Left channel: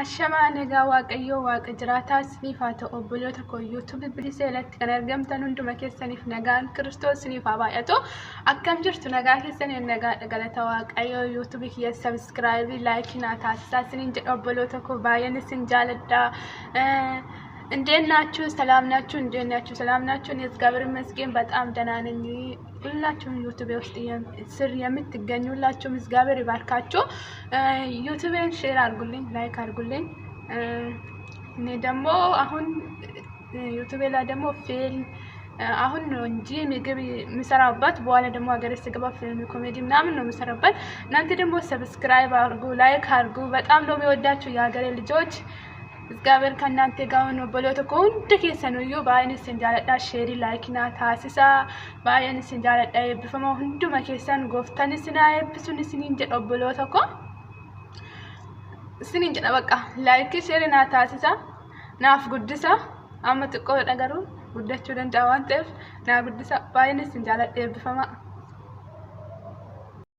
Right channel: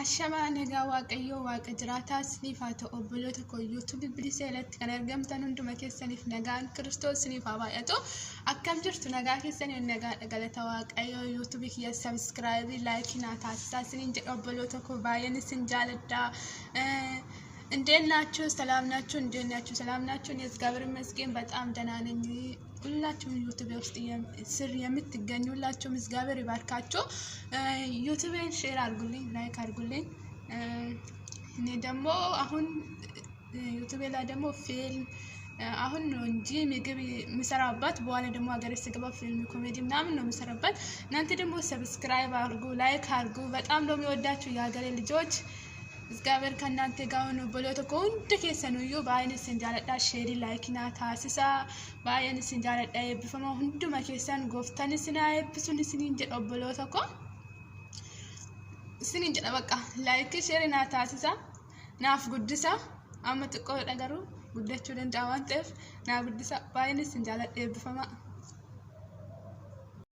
Ashama nagaa waaqayyoo waaqa jiraataa isiniif haa ta'u obboloota koo YouTube bilisee irratti kan argamtan hunduma keessaniif nagaan Kiristoos isiniif haa baay'atu. Akkam jirtu nagaa keessaniif nagaa galata waaqayyoo YouTube kiyya subscribe like naa taasisaa isiniin jedhu obboloota koo baay'een isin jaaladha. እንዴት ናችሁ? ሰላም ናችሁ? እንዴት ናችሁ? ሰላም ናችሁ? እኔ እግዚአብሔር ይመስገን በጣም ደህና ነኝ። ሁላችሁም ዩቲዩብ ውስጥ ስር የምትገኙ ሁላችሁም እግዚአብሔር ይባርካችሁ። ዩቲዩብን ሼር አድርጉልኝ፣ ላይክ አድርጉልኝ። እኔ ደግሞ አሁን ዩቲዩብ ላይ ደግሞ ፊልም አሁን ነው እንጂ ምግብ ምሰራበት በኋላ ደግሞ ሀገሬ ስገባ ፊልም ኮሜዲ ምናምን ነው ምሰራበት። እናንተ ደግሞ ሰብስክራይብ አድርጉ፣ ላይክ አድርጉ። በጣም ነው የሚወዳችሁ የሀገሬ ልጆች። እግዚአብሔር ከእናንተ ጋር ሆኖ በሎተኮ እንደ ከሰኑዩ ባይነስ እንጃለዳ ሼሪ ላይክና ታሲሳ ባይነስ እንጃለዳ በፈማ ሁንዱ መከሰን ጎፍተን ስናይ ብሱን ስኒን ጀዶ በሎተኮ ስኒን ጀዳ በቃ ላይክ ሼሪና ታሲሳ ናፍ ጉድሳ አመጥቆ ነገሩ ጉዳችሁ ደንዳዋን ጥፍ ና ጉድሳ ባይነስ እንጃለዳ በፈማ